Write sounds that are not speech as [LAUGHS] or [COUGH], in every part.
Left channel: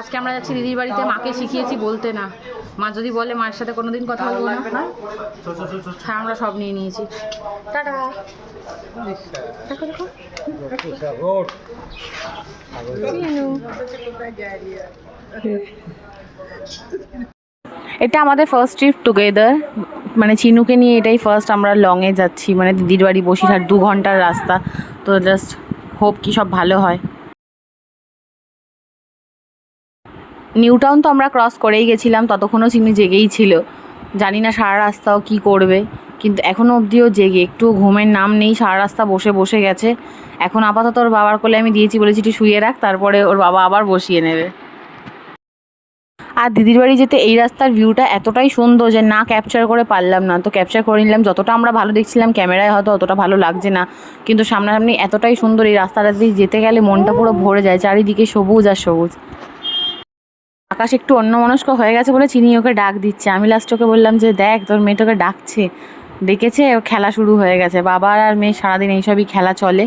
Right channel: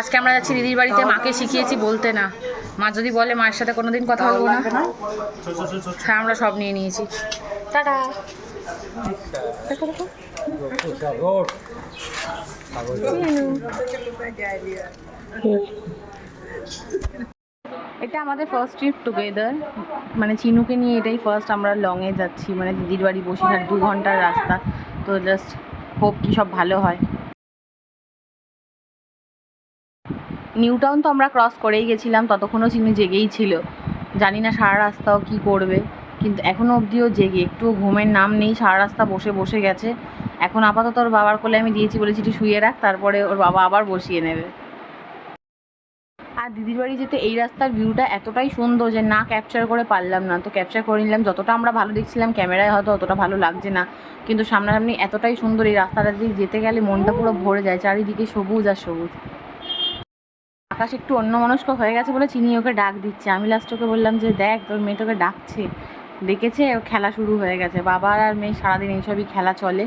আজকে আমরা যাচ্ছি দিদির বাড়িতে, মাকে শিখিয়েছি বলতে না। মা যদি বলে, মায়ের সাথে কোনোদিন কথা বলব না। হ্যাঁ আমরা সব নিয়ে নিয়েছি। এটা আমাদের ফার্স্ট ট্রিপ টুগেদার মানে চিনুকে নিয়ে এটাই ফার্স্ট আমরা লংয়ে যাচ্ছি। মানে দিদির বাড়ি বসিরহাট দু ঘণ্টার রাস্তা। তো জাস্ট হোপ কি সব ভালো হয়। নিউ টাউন তো আমরা ক্রস করেই গেছিলাম, ততক্ষণও চিনি জেগেই ছিল। জানি না সারা রাস্তাও কি করবে, কিন্তু এখনও অবধিও জেগে। একটু ঘুমের নাম নেই, সারা রাস্তা বসে বসে গেছে। এখন আপাতত ওর বাবার কোলে আমি দিয়েছি বলেছি একটু শুয়ে রাখ, তারপরে ওর বাবা আবার বসিয়ে নেবে। আর দিদির বাড়ি যেতে এই রাস্তার ভিউটা এতটাই সুন্দর যে না ক্যাপচার করে পারলাম না। তো ক্যাপচার করে নিলাম, যতটা আমরা ভালো দেখছিলাম ক্যামেরায় হয়তো অতটা ভালো লাগছে না। কিন্তু সামনাসামনি এতটাই সুন্দর এই রাস্তাটা দিয়ে যেতে গেলে মনটা পুরো ভরে যায়, চারিদিকে সবুজ আর সবুজ। আকাশ একটু অন্যমনস্ক হয়ে গেছে বলে চিনি ওকে ডাক দিচ্ছে। আমি লাস্ট ওকে বললাম যে, দেখ, তোর মেয়ে তোকে ডাকছে। ডেকেছে ওর খেলা শুরু হয়ে গেছে। বাবার আর মেয়ে সারাদিন এইসবই খেলা চলে।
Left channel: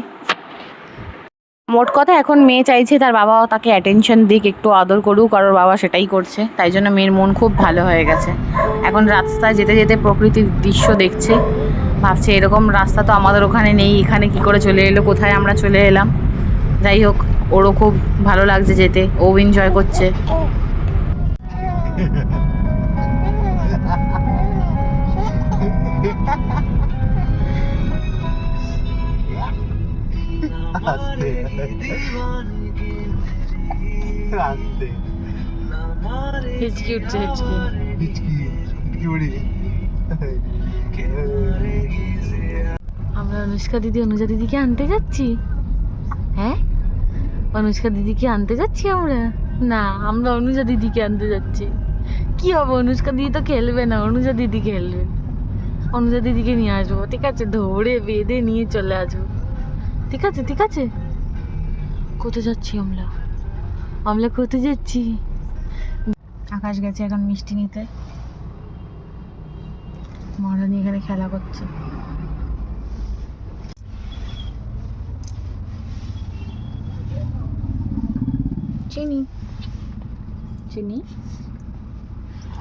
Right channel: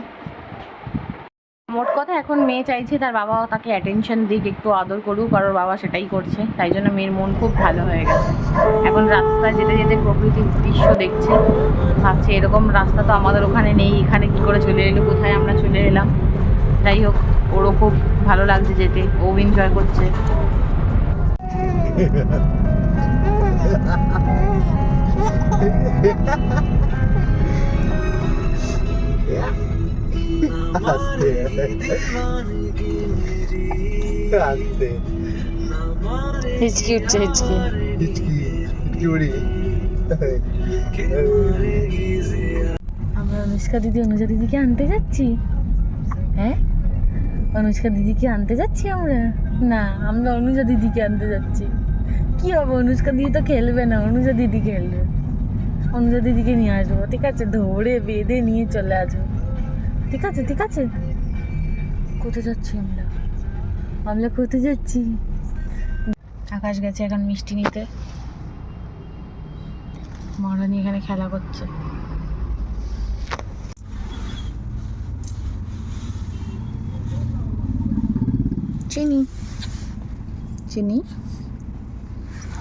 মোট কথা এখন মেয়ে চাইছে তার বাবাও তাকে অ্যাটেনশন দিক, একটু আদর করুক আর ওর বাবা সেটাই করছে। তাই জন্য মেয়ের মন খুব ভালো হয়ে গেছে। এখন রাস্তায় যেতে যেতে প্রকৃতির দৃশ্য দেখছে। ভাবছে এরকম রাস্তা তো আমাদের ওখানে নেই, এখানে কি করে চলে এলো, কোথায় আমরা চলে এলাম? যাই হোক, ওরও খুব ভালো লাগছে যেতে। ও এনজয় করছে। আস্তে আস্তে হিচকি উঠছে হিচকি। হিচকি হিচকি উড়ি আমরা অনুষ্কা দিদি অনুজা দিদিকে আনতে যাচ্ছি। হ্যাঁ? অনুষ্কা দিদিকে আনতে যাচ্ছি আমরা? না আমরা অনুজা দিদিকে আনতে যাচ্ছি। কি হবে? অনুষ্কা দিদি তো খেলবে না। অনুজা দিদি খেলবে। অনুজা দিদিকে নিয়ে আসব। ঠিক আছে, ধরে বেঁধে নিয়ে চলে আসব। ঠিক আছে ঠিক আছে। কোথায় যাচ্ছি আমরা আমরা কোথায় যাচ্ছি? আকাশ গেছে এখন মিষ্টি নিতে। মহারানী এখানে খেলা করছে। চিনি। চিনি?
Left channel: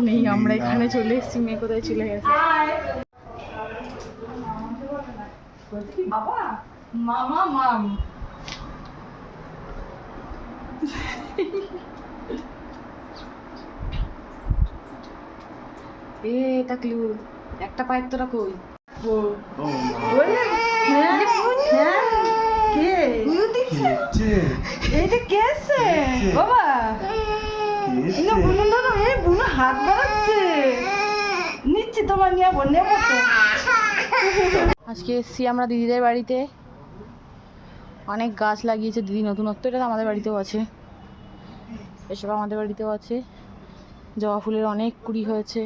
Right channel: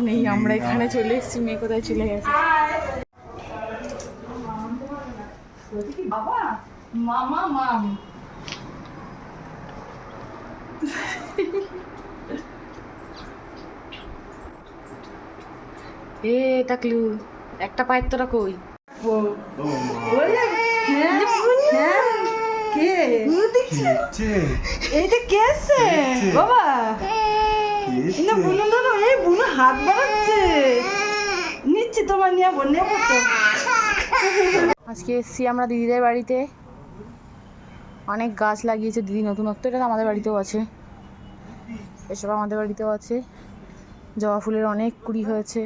নেই আমরা এখানে চলে এসেছি মেয়ে কোথায় চলে গেছে? মামা মাম। [LAUGHS] এ একটা পায়ের তোরা কই? এইটা কে? আছে বাবা। না বুনু দাদা এই বুনু হাত বাড়াচ্ছে। নিচ্ছি তোমার নেব নেব তো। আজকে এসছি আমরা দিদিদের বাড়িতে। অনেক গাছ লাগিয়েছে দিদি নতুনত্ব এটা তো আমাদের বাড়িতেও আছে। এসব আমাদের বাড়িতেও আছে। জবা ফুলের অনেক কুড়ি হয়েছে।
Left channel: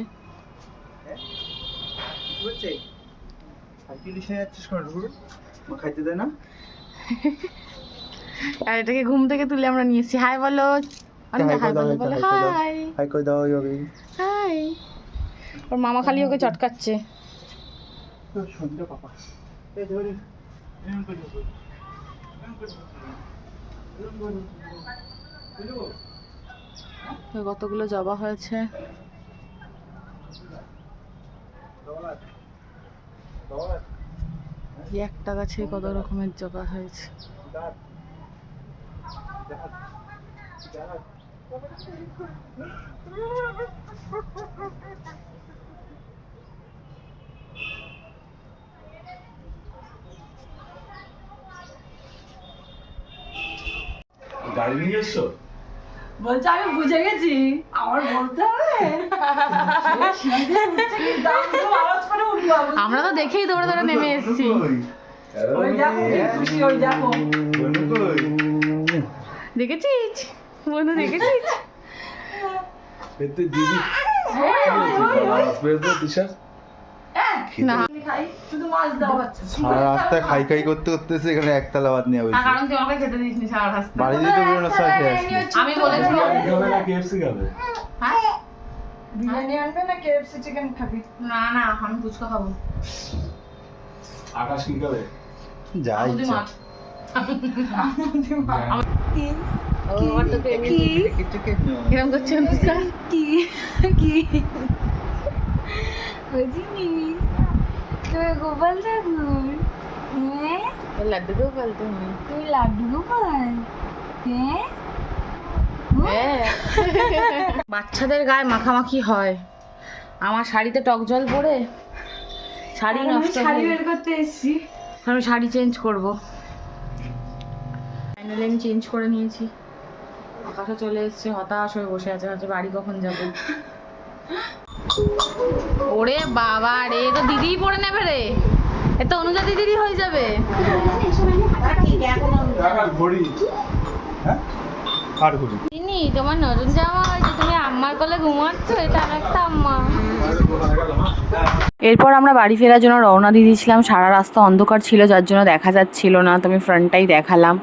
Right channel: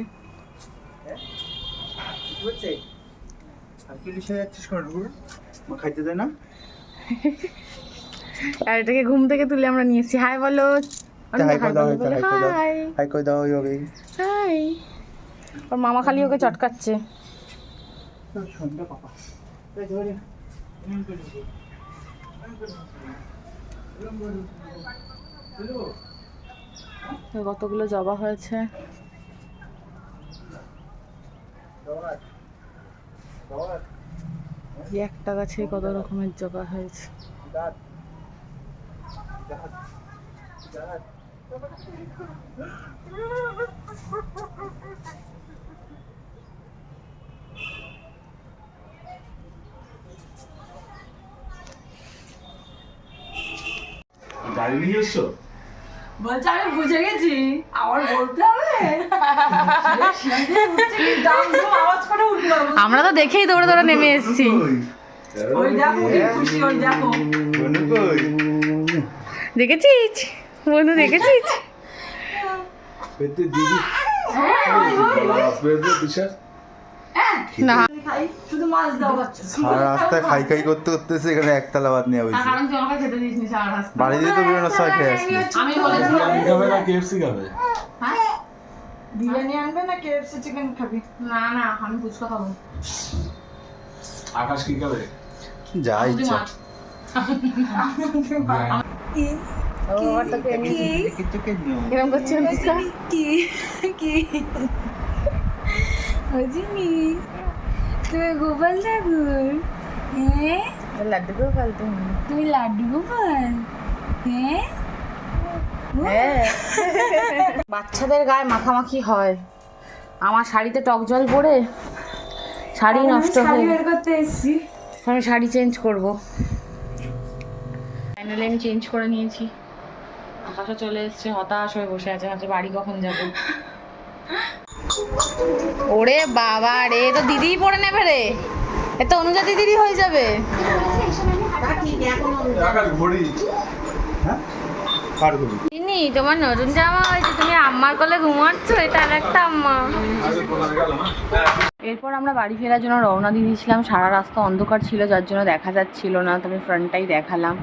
আর না? এটাকে ঘুম থেকে তুলে আমরা নিয়ে এসেছি। হাই বলো। হাই করে দাও হাই করে দাও হাই হাই। করে দাও হবে হাই। ওর মামা খালি ওকে চটকাচ্ছে। কতগুলো জবা হয়েছে। এই একটা গাছে কত রকমের জবা হয়েছে। গাড়ি নিয়ে এসছো? বলছে আমি বুঝে গেছি। আমার বলতে হবে। আমরা তো দেখেই দৌড়ে দৌড়ে নেমে এসেছি। ওই দেখো খুশি ওই দেখো। দেখেছিস? বন্ধু দেখেছিস? পেতে দিদি না খাই শুধু মাছ দাও সারা রাস্তায় খাই খাই করতে করতে এখানে একতলা ভাত নিয়ে হয়েছে সারা খেয়ে আমি খাবে না কেএফসি খাবে? হ্যাঁ? বিরিয়ানি আনবে না কেএফসি চিকেন খাবি? না না আমি ফুচকা খাব। আকাশ কি খাবে? যা ইচ্ছা। ও আর তোকে এমনি কিরম করছে কি? কি? তুমি গোপাল ঠাকুর হ্যাঁ? লাড্ডু ফেলতে নি তুমি লাড্ডু গোপাল? হ্যাঁ? হ্যাঁ। [LAUGHS] বাচ্চাদের গায়ে মাখামাখি হয়। আমার শাড়িতে টক জল পড়ে শাড়ি নষ্ট শাড়ি বের করতে এসেছি। আমি শাড়ি চেঞ্জ করব। ফাইনালি আমি চেঞ্জ করে নিয়েছি। আকাশও চলে এসছে হতাশ হয়ে বসে আছে ভাবছে বাড়ি কখন যাব? ওরে বাবা রে তো দিদিই পড়ে নেবে রে। এ তো অনুজা দিদিরই হয়ে যাবে। হ্যাঁ চিনি তোমার নতুন জামা হয়েছে তুমি আম্মার কোলে ঘুমাচ্ছ এটা আর একটা আম্মা। এরপর আমরা বাড়ি ফেরার জন্য রওনা দিয়ে দিয়েছিলাম সারা রাস্তা অন্ধকার ছিল যার জন্য দেখা যাচ্ছিল না তো আমি ফ্রন্টটাই দেখালাম।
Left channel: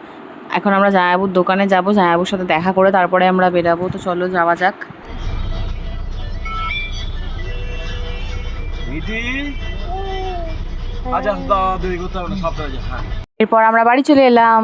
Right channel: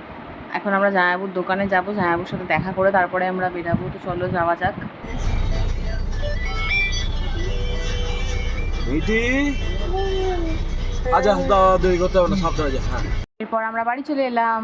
এখন আমরা জামাইবাবুর দোকানে যাব জায়াবুর সাথে দেখা করে তারপরে আমরা বেরাবো। তো চলো যাওয়া যাক। হ্যাঁ। এরপর আমরা বাড়ি চলে এলাম।